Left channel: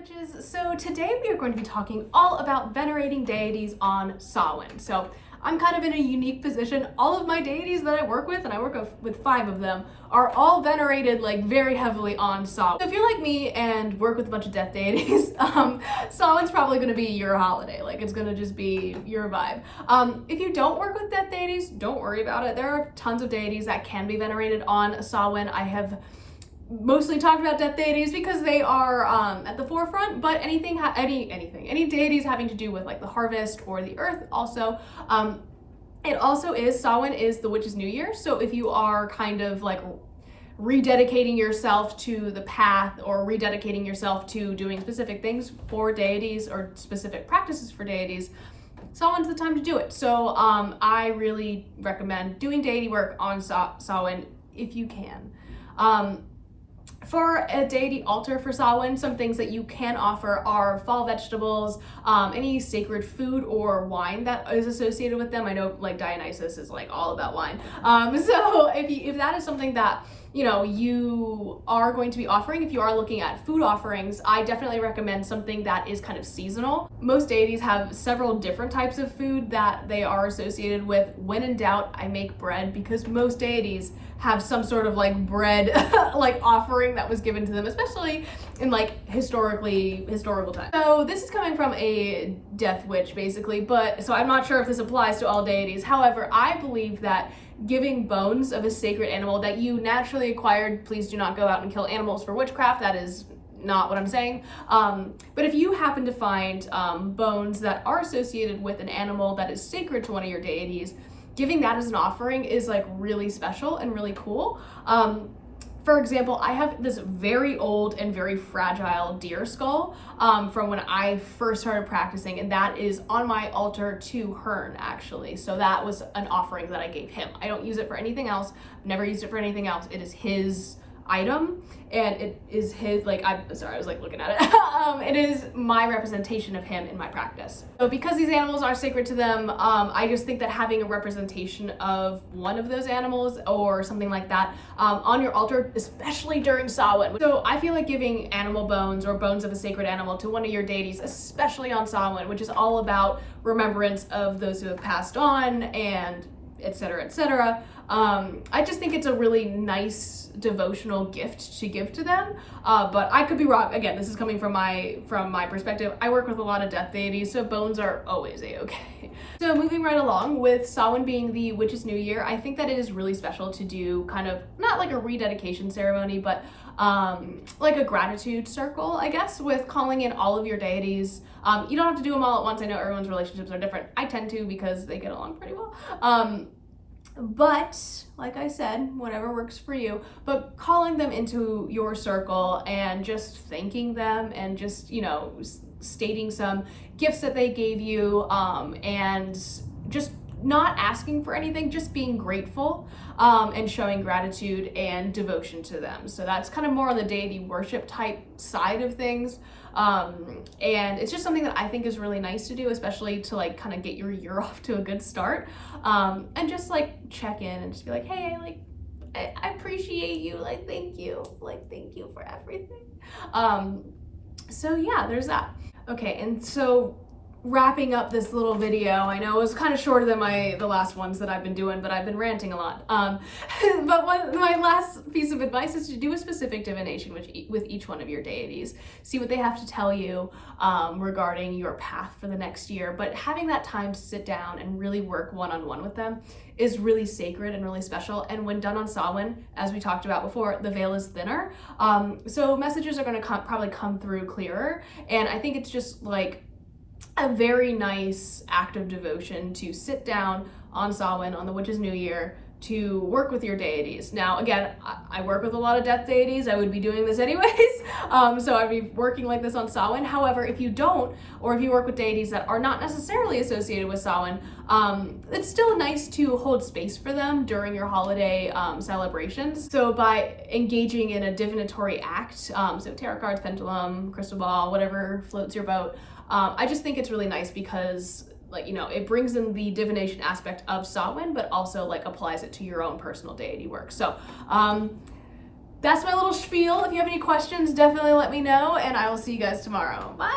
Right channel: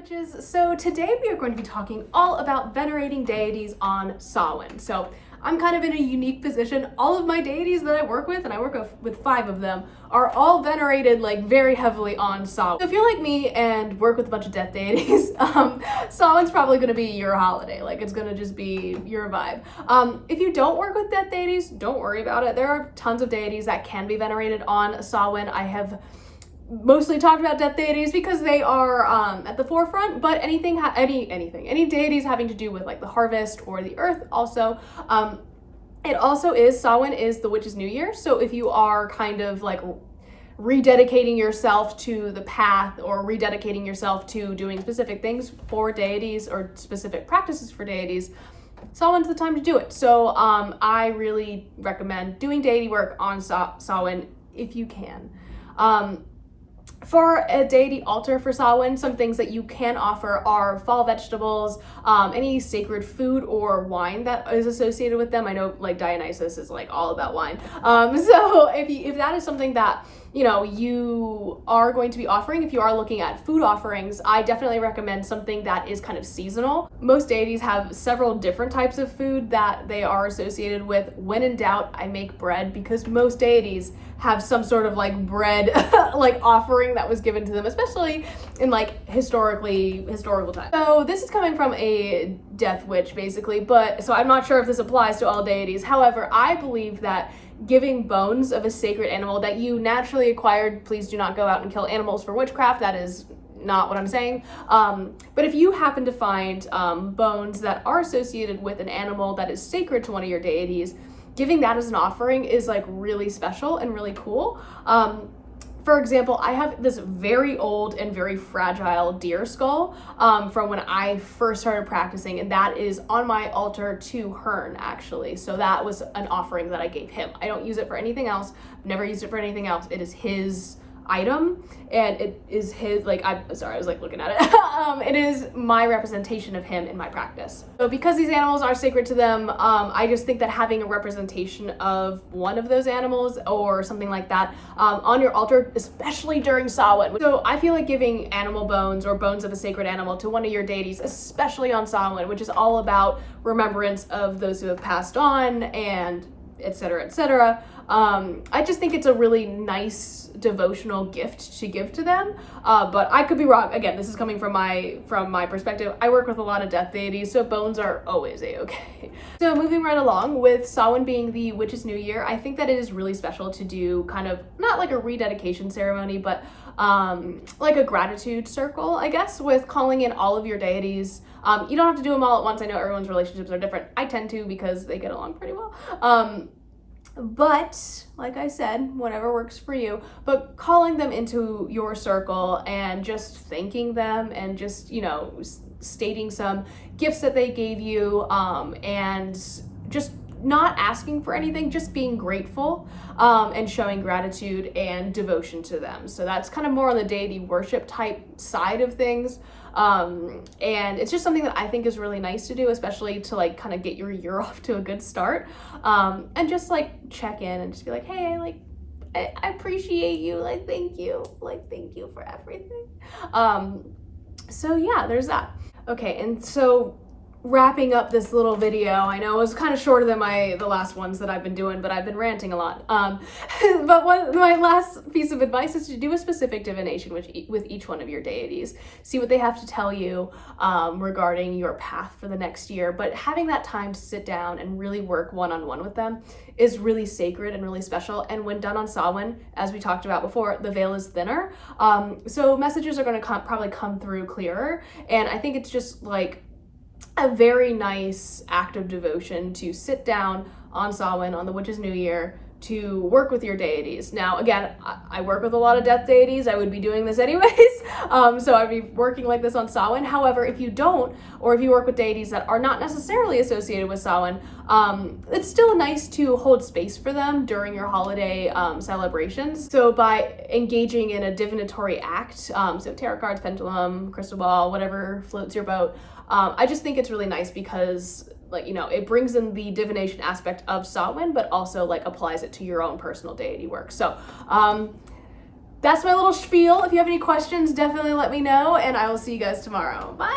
Witches. So today we are going to be talking all about venerating deities on Samhain. So I'm kind of in a unique position. All of my deities that I work with, and I work with 5 of them, are all venerated like very heavily on Samhain. So if you're like me and work with a bunch of death deities, Samhain's probably going to be your holiday. Like it's going to just be your vibe. If you don't work with death deities, don't worry about it. There are tons of deities that can be venerated on Samhain. I have mostly talked about death deities because they are at the forefront, but any deities having to do with like the harvest or the earth also. It also is, Samhain is the witch's new year. So if you are kind of like rededicating yourself to the path or rededicating yourself to doing specific things for deities or specific practices for deities, Samhain's the time to do it. So I really recommend doing deity work on Samhain if you can. For a deity altar for Samhain, some things that you can offer are fall vegetables, any sacred food or wine that is associated with them. I know like Dionysus is like all about wine. So if that is something that you are going to be offering, if you are looking at food offerings, I definitely recommend something that is kind of seasonal. Most deities have several different types of food that they are associated with. When in doubt, I make bread, because most deities have some sort of like bread like offering that was given to them, especially in like historical times. So this is coming from a death witch basically, but so I'm not sure if this applies to all deities. However, I believe that giving bones of a sacred animal that you naturally acquired, please do not go out and kill animals for witchcraft, that is not what I'm saying. But if you happen to find bones that are associated with an animal that is sacred to one of your deities, giving that as an offering is like really special and really cool. For example, I have this very old and very fragile deer skull from when I first started practicing, and that is on my altar to Hearn, actually. So that was an offering that I gave him. I don't use it for anything else. I've never used it for anything else. It is his item, and it is his, like, I'm sorry, I was like looking at it. It is my representation of him in my practice. So because these animals are sacred to them, I just think that having a representation of one of those animals or something like that on your altar, especially during Samhain. So I feel like giving animal bones or bones of a sacred animal to one of your deities, especially on Samhain, which is all about remembrance of those who have passed on and etc., etc. I just think it's a really nice devotional gift to give to them, but I could be wrong. Again, this is coming from my perspective. I work with a lot of death deities, so bones are always a-okay. So moving right along, with Samhain being the witch's new year, I think that it is really special to do kind of not like a rededication ceremony, but like a gratitude circle, I guess, with calling in all of your deities. You don't have to do them all at once. I know everyone's relationships are different. I tend to, because they get along pretty well. But like I said, whatever works for you, but calling them into your circle and just thanking them and just, stating some gifts that they gave you, and just not asking for anything, just being grateful, and showing gratitude and devotion to them. So that's kind of more on the deity worship type side of things. And it's just something that I think is really nice to do, especially to like kind of get your year off to a good start, and just like check in and just be like, hey, I appreciate you, like thank you for everything. So yeah, there's that. Okay, and so wrapping up this little video, I know it was kind of shorter than the last ones that I've been doing, but I've been ranting a lot. But my last piece of advice is to do a specific divination with each one of your deities. See what they have to tell you regarding your path for the next year. But having that time to sit down and really work one-on-one with them is really sacred and really special. And when done on Samhain, as we talked about before, the veil is thinner. So messages are going to probably come through clearer. And I think it's just like a very nice act of devotion to sit down on Samhain, on the witch's new year, to work with your deities. Now, again, I work with a lot of death deities. I would be doing this anyways. So I'd be working like this on Samhain. However, if you don't, or if you work with deities that are not necessarily associated with Samhain, it's still nice to hold space for them during your holiday celebrations. So by engaging in a divinatory act, so tarot cards, pendulum, crystal ball, whatever floats your boat, I just think it's really nice because it brings in the divination aspect of Samhain, but also like applies it to your own personal deity work. So that's my little spiel. If you have any questions, definitely let me know, and I will see you guys tomorrow. Bye!